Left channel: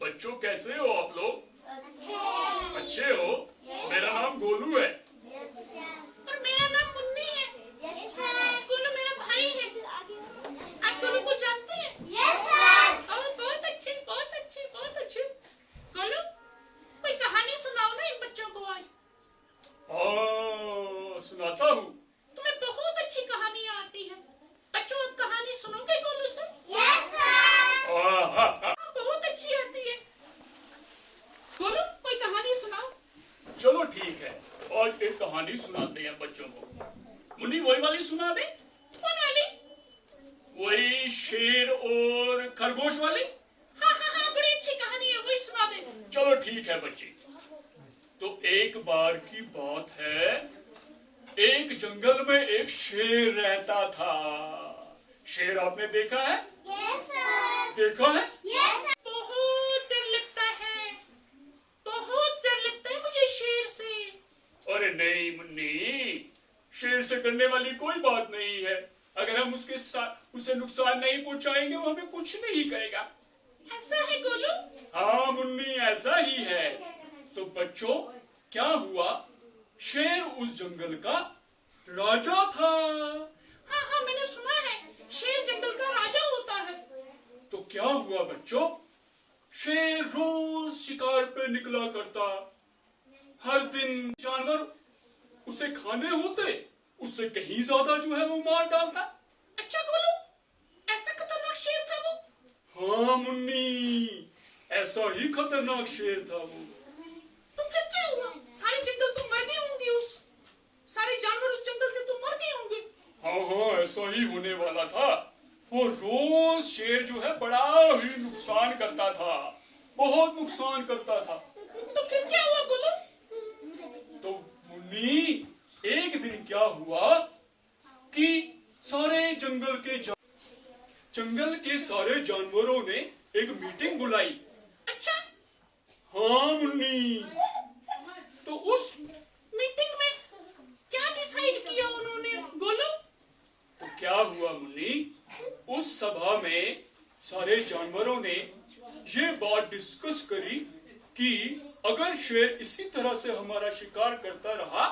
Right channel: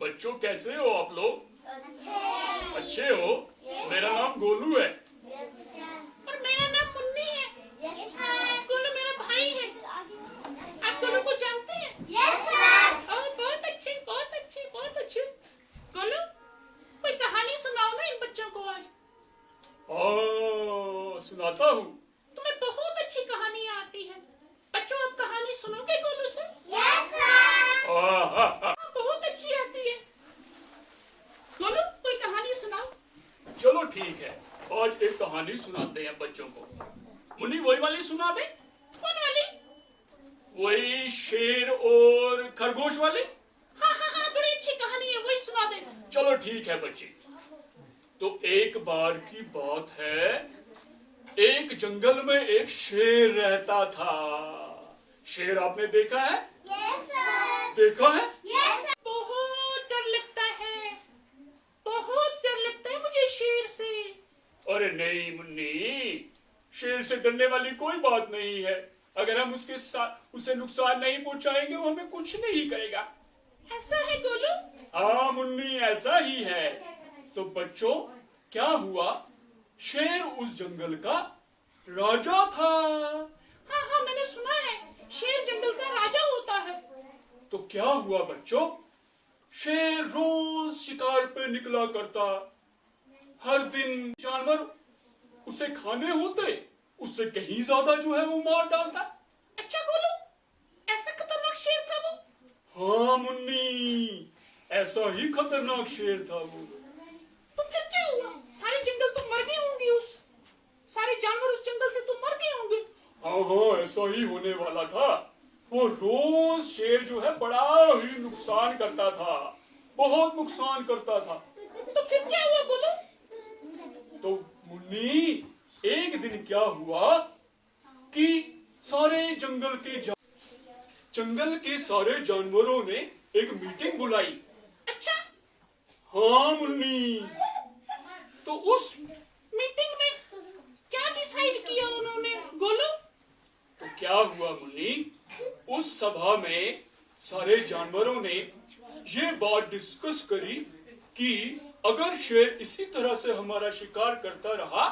बच्चों कैसे हो आप लोग? अच्छे हो? मेरा नाम गोलू है। और मेरा नाम मुन्नी है। गोलू मेरा भाई है। आप गोलू को जानते हैं? Yes sir. बहुत अच्छे, बहुत अच्छे, बहुत अच्छे। गोलू, कोई कहानी सुनाओ ना इन बच्चों को आज। सुनाता हूँ। तुम्हें बहुत अच्छी कहानियाँ आती है। बच्चों, आप कहानी सुनोगे गोलू से? Yes sir. बहुत अच्छी आती है। गोलू, कोई कहानी सुनाओ। चलो ठीक है, आज एक कहानी सुनाते हैं बच्चों को। मुन्नी वही वाली सुना दे। कौन वाली? वही शेर और खरगोश वाली। हाँ, बड़ी अच्छी कहानी है, वही सुना दे। चलो ठीक है बच्चे। तो एक बार की बात है, एक जंगल में एक शेर रहता था। शेर आपने देखा है? Yes sir. देखा है? Yes sir. बहुत डर लगता है, बहुत डर लगता है मुझे शेर से। अरे नहीं मुन्नी, शेर से डरने वाली कोई बात नहीं है। अगर हम उसे नुकसान नहीं पहुंचाएंगे, वो हमें कुछ नहीं करेगा। ऐसा है गोलू? हाँ मुन्नी, ऐसा ही है। तो बच्चों, क्या हुआ? शेर उस जंगल का राजा था। हाँ, मैंने सुना है शेर जंगल का राजा होता है। तो क्या हुआ बच्चों? शेर रोज शिकार पे निकला करता। हर दिन जानवर उसे खाने होते, उससे कहीं ज्यादा जो है वो मार डालता। अच्छा गोलू, ऐसा खतरनाक शेर था वो? हाँ मुन्नी, ऐसा ही खतरनाक शेर था वो। तो फिर क्या हुआ? सारे जंगल तो मर गए होंगे, सारे जानवर उस जंगल से तो मर गए होंगे। हाँ, ऐसा ही होने वाला था। वो रोज शेर जो है बड़ा ही नुकसान करता था, बहुत नुकसान करता था। तो फिर क्या हुआ गोलू? तो मुन्नी, एक दिन क्या हुआ कि सारे जंगल के सारे जानवरों ने एक मीटिंग बुलाई। अच्छा। हाँ मुन्नी। तो उस मीटिंग में क्या डिसाइड किया उन्होंने गोलू? तो क्या हुआ मुन्नी, उस सभा में सारे जानवरों ने ये बात डिस्कस करी कि अगर शेर इसी तरह से हमारा शिकार करता रहा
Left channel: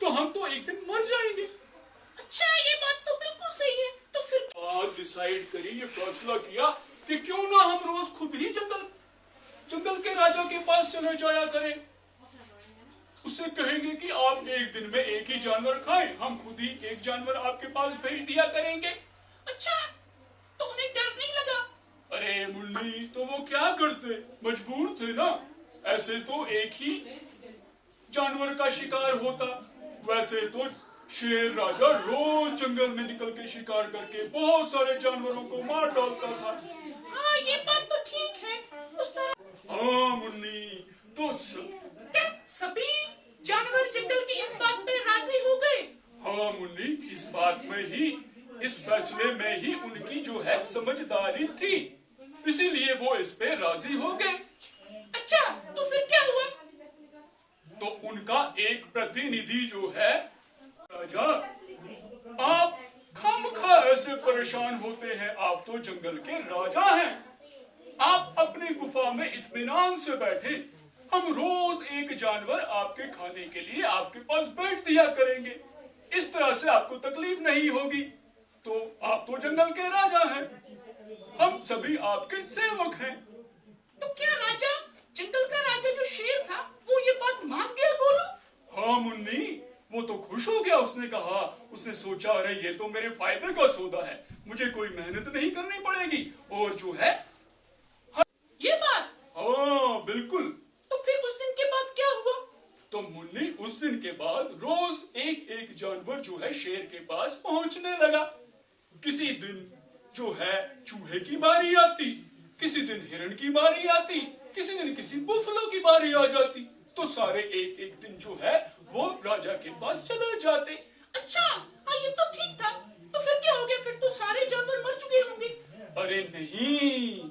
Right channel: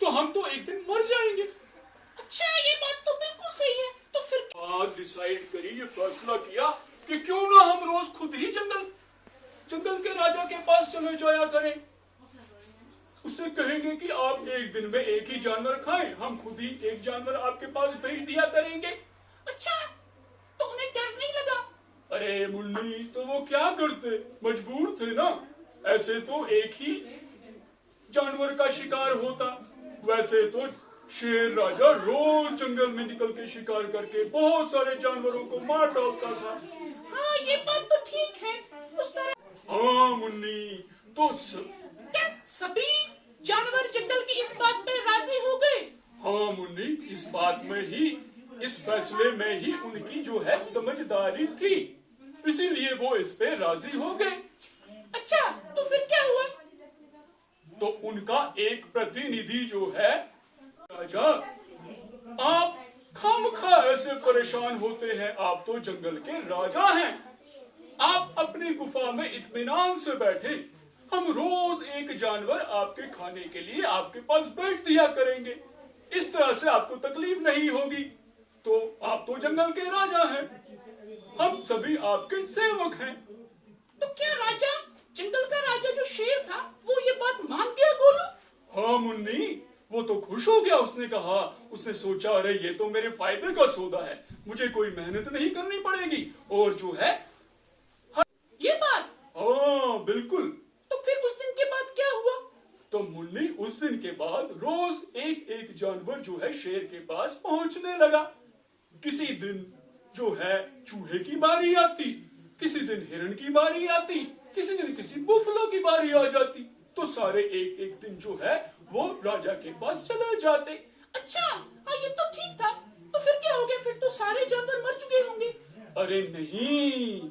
तो हम तो एक दिन मर जाएंगे। अच्छा, ये बात तो बिल्कुल सही है। तो फिर बात डिसाइड करी, ये फैसला किया कि क्यों ना हम रोज खुद ही जंगल के राजा के पास चले जाया करें। उससे कहेंगे कि आप एक दिन में एक ही जानवर खाएं, हम खुद ही एक जानवर आपके पास भेज दिया करेंगे। अच्छा, तो उन्हें डर नहीं लगा? अरे मुन्नी, तो वो क्या करते, मजबूर थे ना। ऐसे तो एक ही जानवर का शिकार होता, वैसे तो शेर राजा रोज जंगल में निकल के शिकार करके बहुत सारे जानवरों को मार डालता था। हाँ, ये बात तो ठीक है। उस तरह हाँ मुन्नी, तो क्या सभी जानवर जंगल की इस बात पे राजी हो गए? हाँ मुन्नी, इस फैसले में ही उनकी जो है समझदारी थी, इसीलिए वो इस पे राजी हो गए। अच्छा, तो फिर क्या हुआ? तो उनका एक प्रतिनिधि जो है, राजा, आप खामखा ऐसे परेशान होते हैं, आप तो जंगल के राजा हैं, आप अपनी गुफा में इत्मीनान से बैठे, हम रोज एक जानवर आपके खाने के लिए आपके पास बैठ दिया करेंगे, इस तरह से आपको तकलीफ नहीं होगी। तो आप तो जंगल के राजा हैं, हम सभी आपके सेवक हैं। तो क्या राजा, जंगल का राजा जो शेर था, वो ये बात मान गया गोलू? हाँ मुन्नी, वो तो खुश हो गया। उसने सोचा, अरे ये तो मेरे फायदे का सौदा है, मुझे कोई मेहनत नहीं करनी पड़ेगी, और जो है ये बात। हाँ बिल्कुल। तो फिर उस दिन के बाद क्या हुआ? तो मुन्नी, उस दिन के बाद रोज एक एक जानवर जो है शेर के पास पहुंचने लगा। किसी दिन जो है चूहे की बारी आती, किसी दिन हिरण की बारी आती, किसी दिन किसी बुफलो की बारी आ जाती। तो सारे एक एक दिन जो है वो राजा के पास चले जाते। अच्छा, हाँ, ये तो ठीक था। तो फिर क्या हो गया? फिर तो सारे जानवर मर चुके होंगे। अरे नहीं,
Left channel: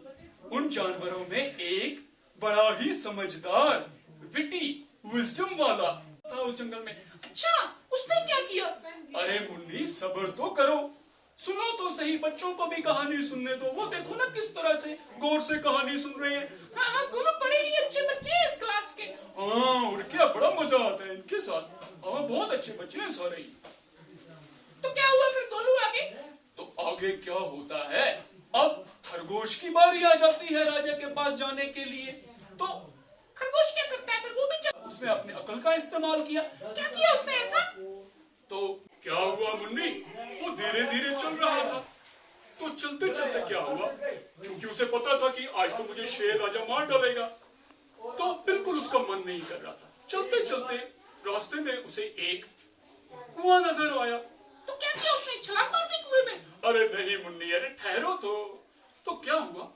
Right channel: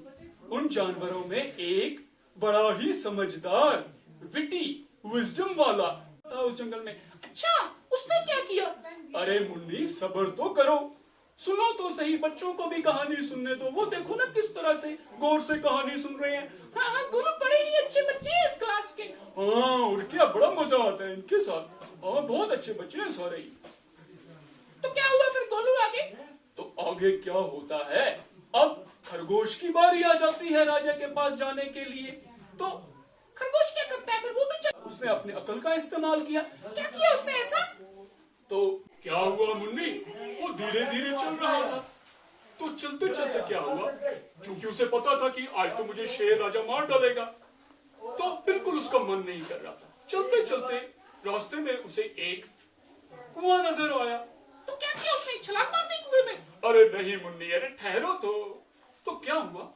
उन जानवरों में एक बड़ा ही समझदार, विटी, विजडम वाला था उस जंगल में। अच्छा, उसने क्या किया? अरे मुन्नी, सब्र तो करो। सुनो तो सही, बच्चों को भी कहानी सुनने दो। वो देखो ना किस तरह से गौर से कहानी सुन रहे हैं। हाँ हाँ, गोलू बड़े ही अच्छे बच्चे हैं इस क्लास के। हाँ, और क्या बड़ा मजा आता है इनके साथ। हाँ, बहुत अच्छे बच्चे हैं सारे ही। तो क्या हुआ फिर गोलू आगे? तो आगे क्या होता है, अब खरगोश की बारी आ जाती है राजा के पास जाने के लिए। तो खरगोश क्या करता है फिर? वो भी चल। उसने अपनी अकल का इस्तेमाल किया। क्या किया उसने ऐसा? तो क्या हुआ मुन्नी, वो धीरे धीरे चल रहा था। तो चलते चलते क्या हुआ, क्योंकि उसे पता था कि आज तो मुझे शेर राजा मार डालेगा, तो बिल्कुल उसका मन नहीं कर रहा था। चलते चलते रास्ते में उसे एक कुआं नजर आया। तो क्या किया उसने? छलांग मार दी कुएं में? अरे नहीं मुन्नी, अरे ठहरो तो क्या हुआ,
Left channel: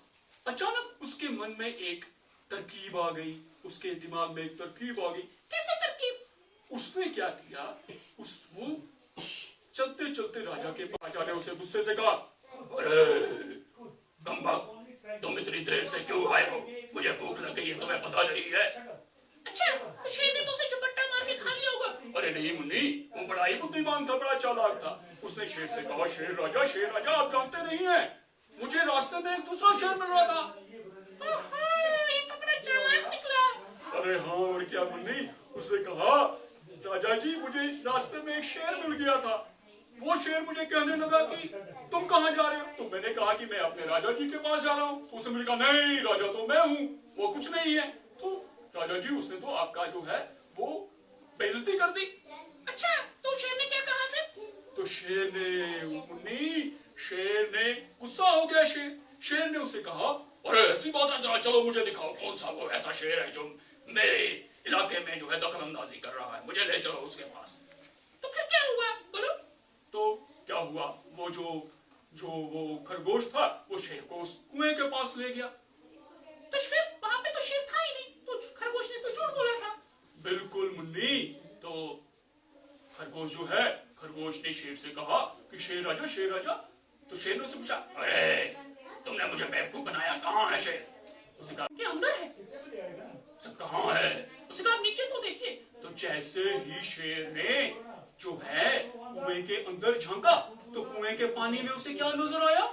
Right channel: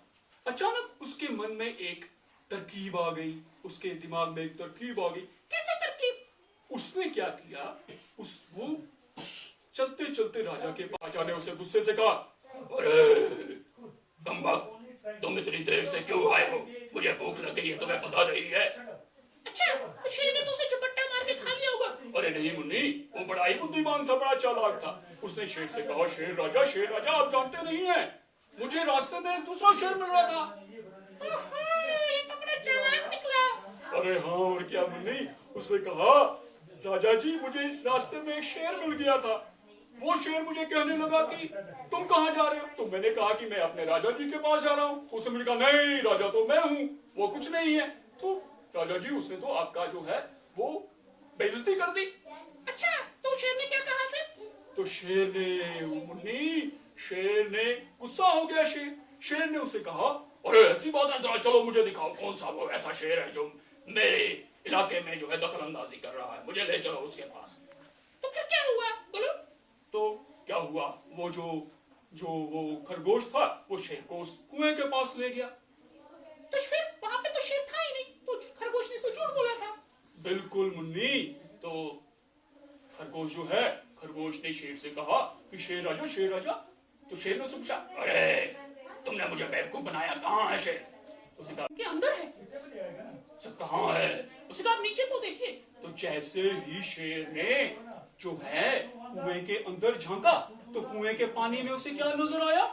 अचानक उसके मन में एक तरकीब आ गई। उसके दिमाग में एक तरकीब आ गई। कैसे तरकीब? उसने क्या किया, वो चलते चलते राजा के पास जाने उसे गुस्से से कहा, अरे तुम इतनी देर से क्यों आए हो? मुझे भूख लग गई है, तुम्हें पता नहीं है? अच्छा, तो शेर ने तो उसे झपट्टा मार के खा लिया होगा। अरे नहीं मुन्नी, वो बड़ा ही बुद्धिमान था, बड़ा चालाक था। उसने शेर से कहा, शेर राजा आप जानते नहीं है, मुझे रास्ते में एक दूसरा शेर मिल रहा था। ये तो बड़ा चालाक निकला। अरे हाँ, और क्या मुन्नी, उसने कहा, राजा जी मुझे रास्ते में एक शेर मिल गया था। वो शेर मुझे कहने लगा कि तुम कहाँ जा रहे हो? तो मैंने कहा कि मैं अपने राजा जी के पास जा रहा हूँ। उसने मुझे कहा, नहीं राजा तो मैं हूँ, वो कुछ नहीं है। तो राजा जी उसने तो आपका जो है वो बेइज्जती कर दी। अच्छा, तो शेर ने क्या कहा फिर? तो शेर ने गुस्सा हो गया। शेर ने उसे कहा, अरे ऐसी बात है, जरा चलो मुझे दिखाओ कौन सा वो ऐसा शेर है जो मेरे इलाके में जो है दखल अंदाजी कर रहा है, मुझे ले चलो उसके पास। तो फिर क्या हुआ बोलो? तो क्या हुआ, वो जो वो खरगोश था, वो शेर को उस कुएं के पास ले गया। तो फिर वहां पे तो शेर था ही नहीं, तो खरगोश ने तो झूठ बोला था। बिल्कुल मुन्नी, तो खरगोश ने शेर से कहा कि शेर राजा। तो शेर ने उससे पूछा, अरे तुमने मुझे बेवकूफ बनाया, कहाँ है शेर? उसने कहा, क्या अंदर है? सब कहाँ है? उसने कहा, आप नीचे तो देखिए। तो जैसे ही शेर ने जो है कुएं के अंदर झांका, तो कुएं के पानी में उसे क्या नजर आया?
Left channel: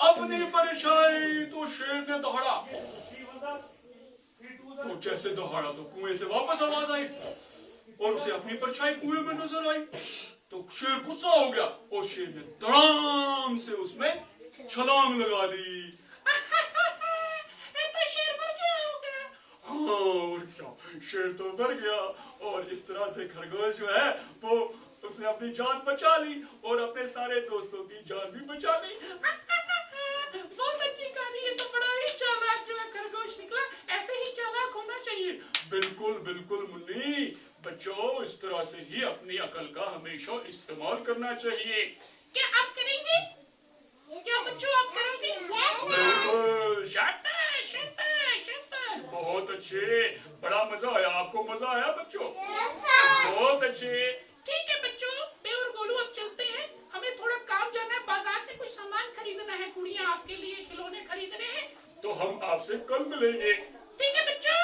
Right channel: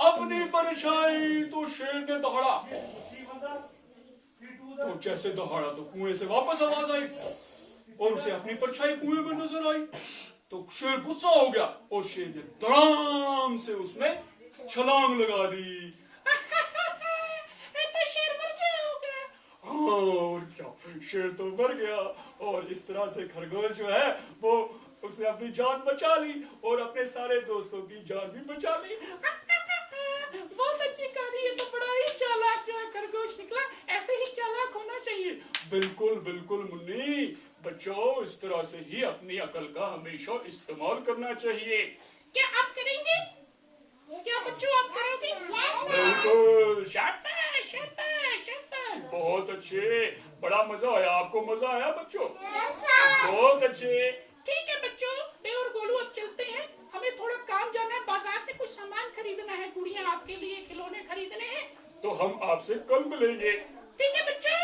अपनी परछाई। तो शेर ने दहाड़ा, तो जैसे दहाड़ा तो कुएं से वापस आवाज आई और उसे अपनी परछाई कुएं में नजर आई। तो शेर गुस्सा हो गया और शेर ने धड़ाम से उसमें छलांग लगा दी। तो शेर मर गया होगा। हाँ, और क्या, शेर तो मर गया। और इस तरह से खरगोश जो है वो उसने अपनी जान बचा ली और अपने सारे दोस्तों की जान भी बचा ली। बहुत अच्छी कहानी है। तो बड़ा ही चालाक जो है खरगोश निकला। ऐसे ही चालाक होना चाहिए। बिल्कुल बिल्कुल मुन्नी, बच्चों इस तरह से ही अपनी अकल का हमेशा इस्तेमाल करना चाहिए। क्या आप करेंगे? क्या बच्चों आप करोगे? बिल्कुल, शाबाश शाबाश शाबाश, बहुत अच्छे, बड़ा मजा आया। आपको मजा आया बच्चों? बहुत अच्छे। ठीक है बच्चों, मैं और गोलू अब चलते हैं। हमें थोड़ा काम जाना है, बाजार से कुछ सामान खरीदना है, गुड़िया आपके लिए खिलौने खरीदने हैं। तो हम आपसे कल मिलेंगे। ठीक है बच्चों।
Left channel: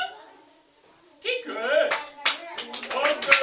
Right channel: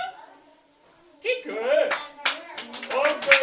ठीक है। ओके।